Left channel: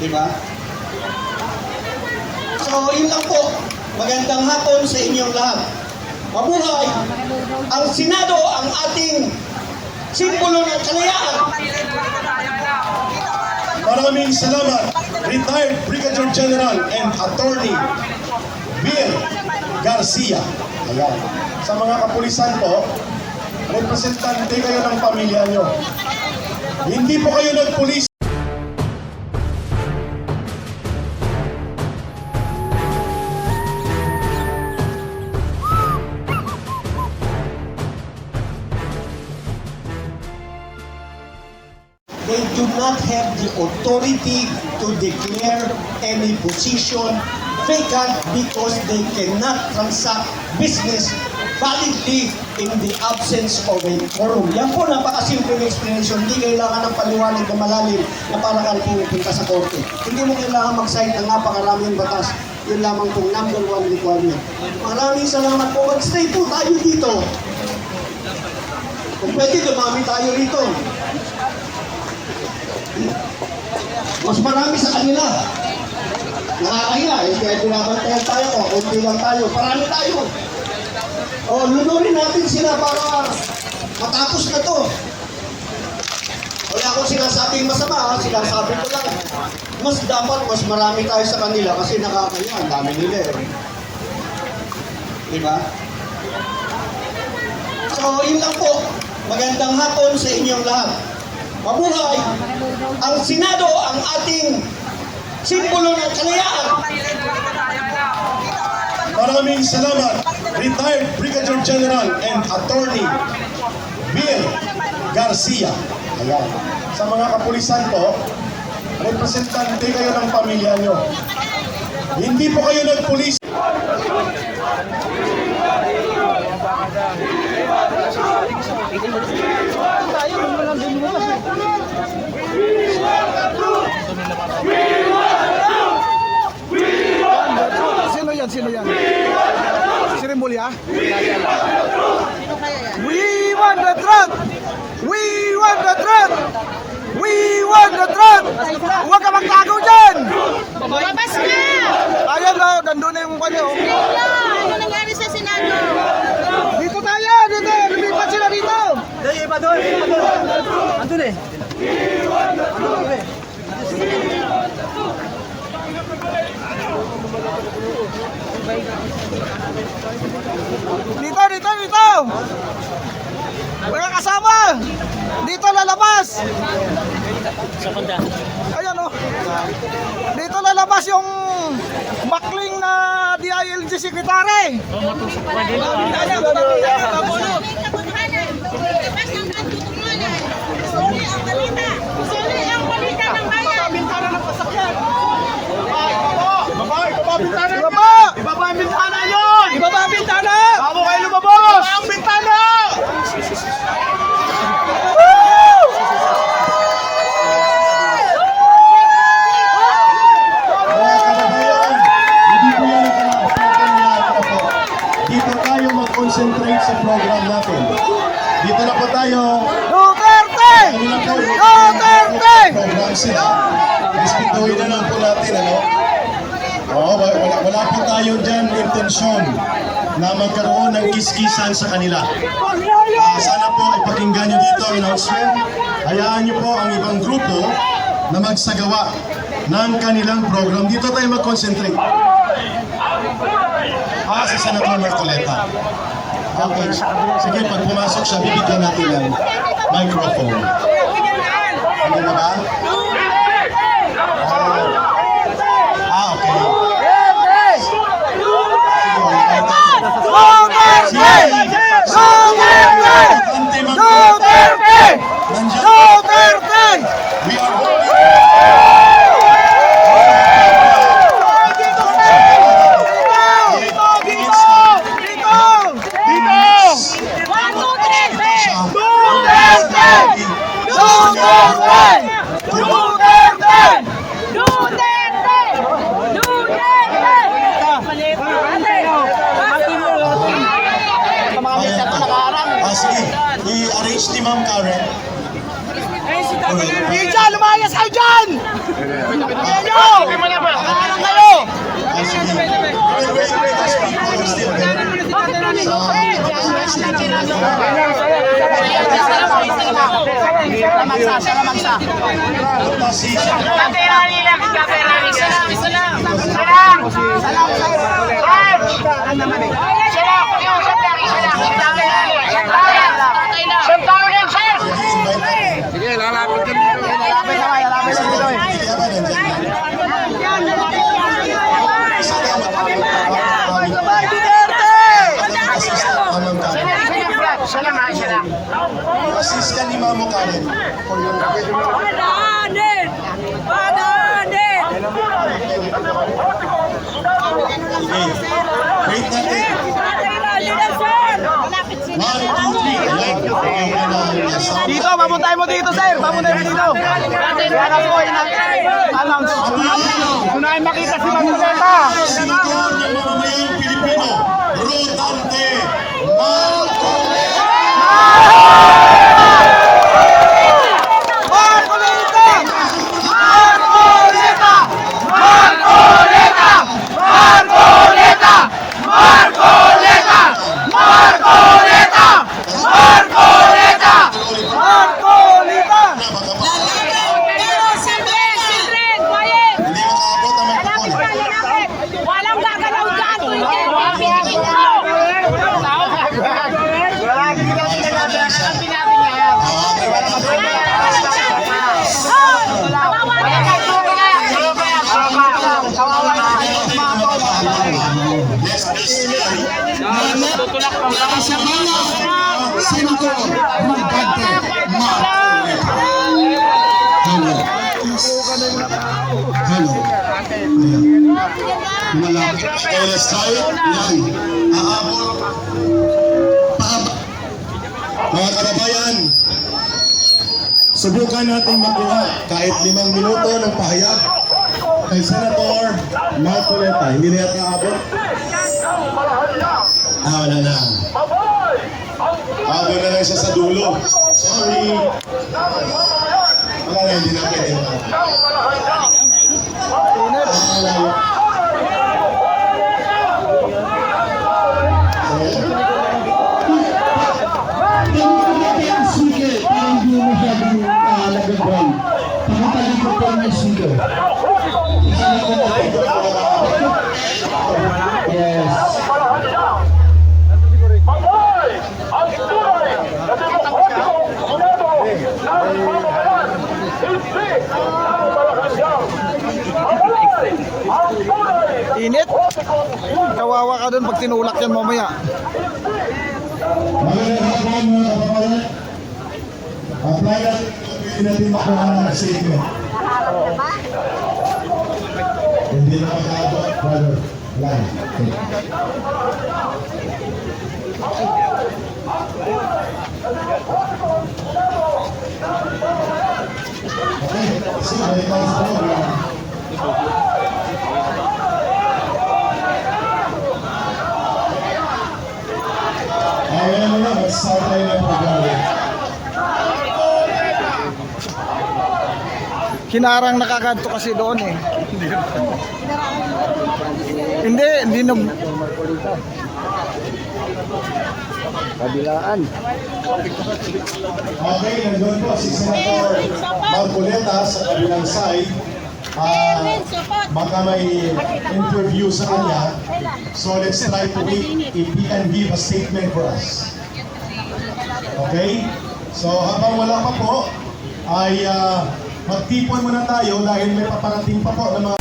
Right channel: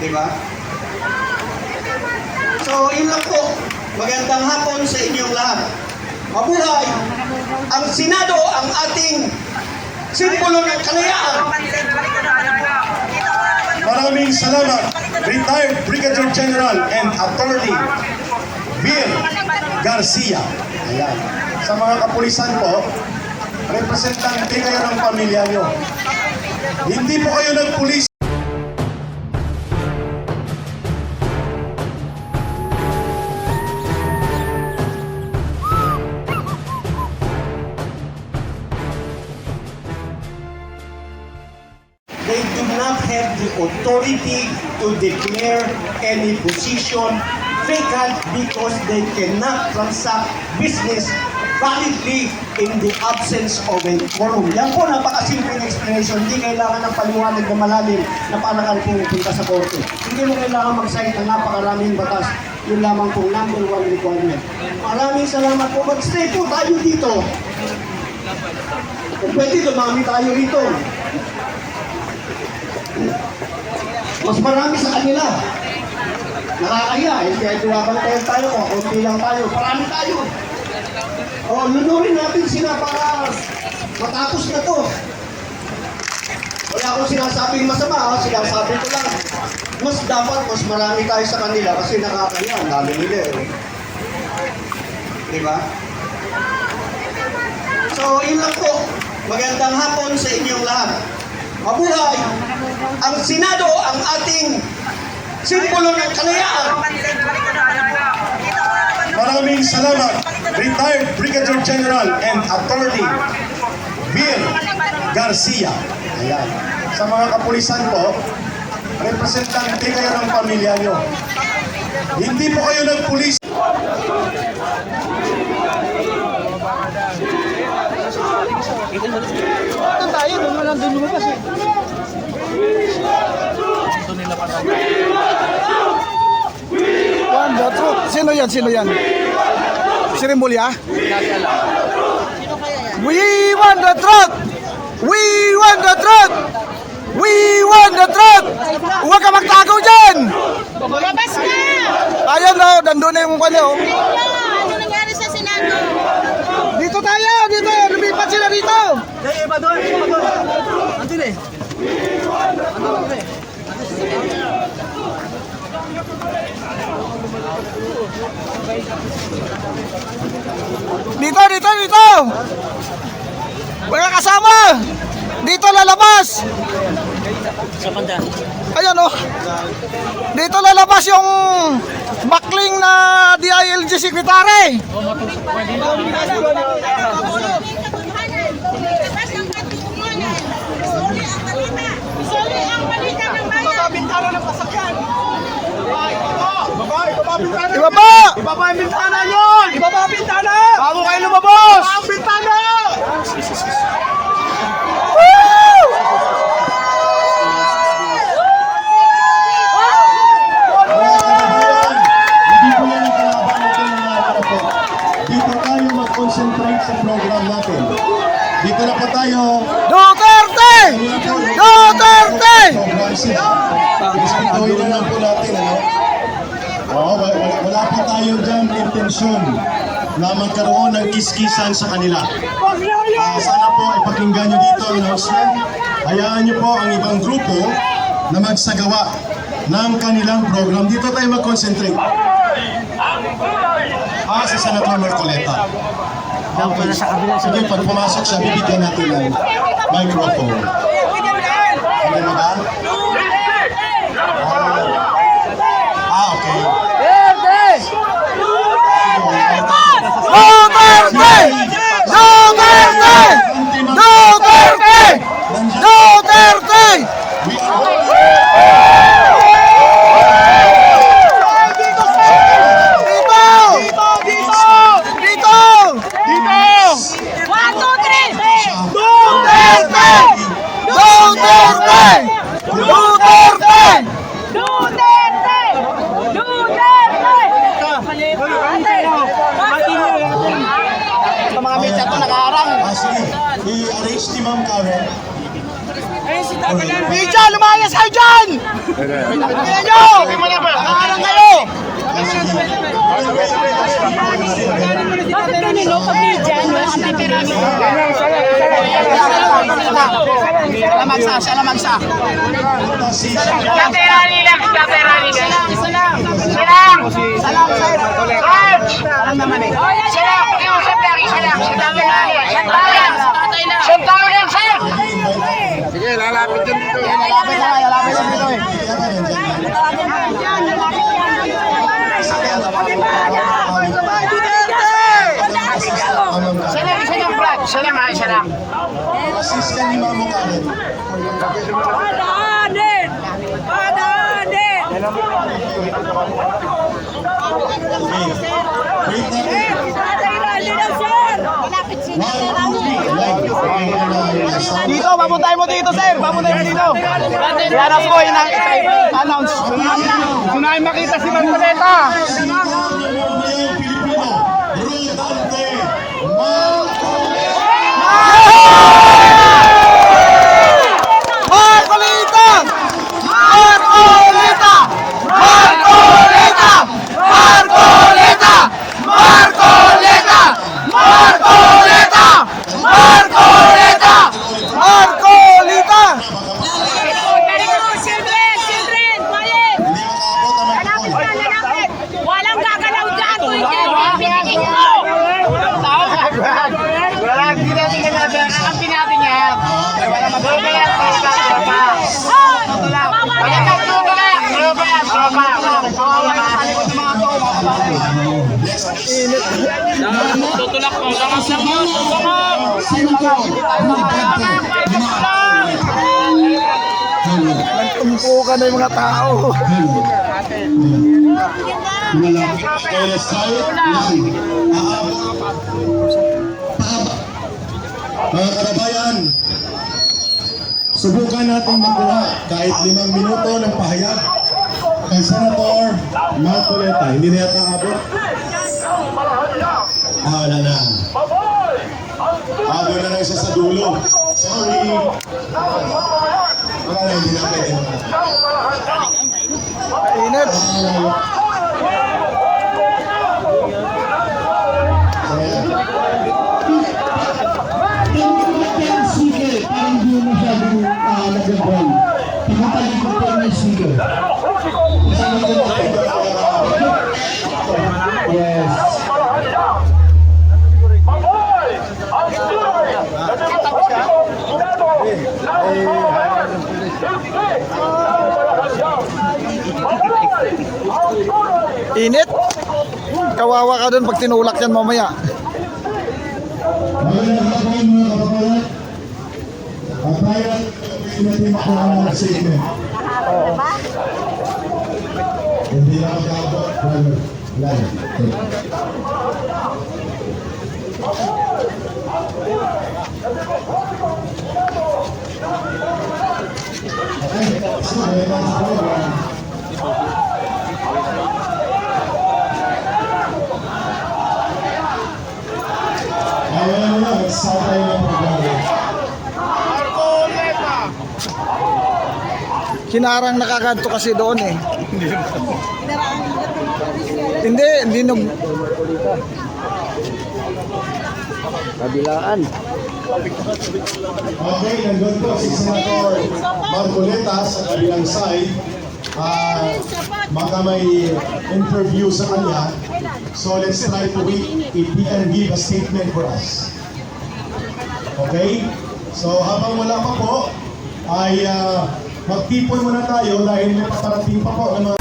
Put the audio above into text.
Di ba? So, yun lang po. Magandang hapon sa inyong lahat. Mabuhay! Ang Senado, ang ating simbolo ng kalayaan. Maraming salamat, retired Brigadier General and Attorney Bill Garcia. Ayan. Sa mga kapulisan po, representante kayo ng pamilya nyo. Hindi po kayo nagpulis. They do not have the authority to declare any position vacant because they cannot transact business validly in the absence of a quorum. Yan po, napakasimple na explanation. Hindi kailangan ng paliwanag na malalim na para ka pupunta sa korte. Hindi mo kailangan mag-cite ng napakaraming batas. Yun lamang pong number 1 requirement. Maraming salamat po. Mag-stay po tayo dito. Kung pwede, dumami tayo rito. Mas marami sa kanila. Nakakaya, kaya pinabantayan tayo, kunti lang tayo, parami tayo. O, lunurin natin sila para matapos na to. Wala akong sinasabing masama, sinasabi ko lang. Mas dapat, mas marami tayo sa kanila kasi nakakaya, dami nila eh. Diba? So, yun lang po. Magandang hapon sa inyong lahat. Mabuhay! Ang Senado, ang ating simbolo ng kalayaan. Maraming salamat, retired Brigadier General and Attorney Bill Garcia. Ayan. Sa mga kapulisan po, representante kayo ng pamilya nyo. Hindi po kayo nagpulis. Sino yan? Sino yan? Si Rimulya? Sino kaya yan? We want the truck! We want the truck! We want the truck! Huwag ka magtago dyan! Lumabas na! Ayun no, nandun na yung kanya. Oh. Ano nangyari sa Senado? Dito tayo! Dito! Lumipat sila dito! Iba doon, iba doon. Andun eh. Andun eh. Dito! Dito! Dito! Mga kasama! Dito lalabas! Ayan o! Dito lalabas yung bakling na DILG Secretary! Suli ang balita ng bayan! Ibaba! Ibaba ang bintana nyo! Ibaba ang bintana! Bago kayo lumabas! Ibaba ang bintana! Hindi po yan ang kalaban natin na po. Dito tayo mag-concentrate sa program natin. Dito na po tayo. Duterte! Duterte! Program sila. Respetuhin na lang po natin, ano? Oo, wala po tayo dyan intensyon na magkaroon ng kiskisan sa kanila. Sana po ipakinggan nyo dito ang announcement. Hayaan nyo po ang ibang grupo na magsagawa ng kanilang program. Dito tayo mag-concentrate. Si Senator Marcoleta. Okay. Sige, pag pumasok siya, bibigyan natin ng microphone. Ano na ba? Okay. Duterte! We are One, two, three! Duterte! Sige, lalapit din dito. Lalapit dito. Sabay Duterte! Assist ka ni Mamo Karen. Padahanin! Padahanin! Okay. Wait natin. 1, 2, 3. Ayan. Yung sound. Dito, papuntahin mo dito, sir. Papuntahin mo dito. Yan ako, announce. Unahin makita si Magdalena. Sino ng mamamayang Pilipino? Rodante Marcoleta! Marcoleta! Marcoleta! Marcoleta! Marcoleta! Marcoleta! Marcoleta! Marcoleta! Marcoleta! Hindi makaabot ang microphone. Walang gagalaw dyan. Pinagin ko. Senator Rodante Hello. Malapit. LSI, yan. Mga karabayan, subukan natin makuha kahit 5 minuto ng pahayag kay Senator Marcoleta. Hindi na yata abot. Wala na. Abot na lang siya sa dulo. Sorry. Wala na, hindi na pwede na. Sige, parang di mo masyadong nag-ground. Pagkatalikod ko ng sige. Yes. Init. Kawawa ka dun pag tinulak yan mamaya. Magandang hapon mga kapapalat. Prior, pwede natin makuha ng statement. Hindi na makaabot, brother. Live. Okay, sige, may mga sa program. Ayan mo na, mag-start tayo ng programa. Kinarang nakakanto kasi doon eh. Hindi nag... Kabilaan. Okay, nandun po si Senator Marcoleta sa kabilang side. Baka may interview sa kanya. So let's try to wait if he can give a statement for us. Okay? So habang wala pa po, ay magtipon muna tayo dahil may paparating pa po ng mga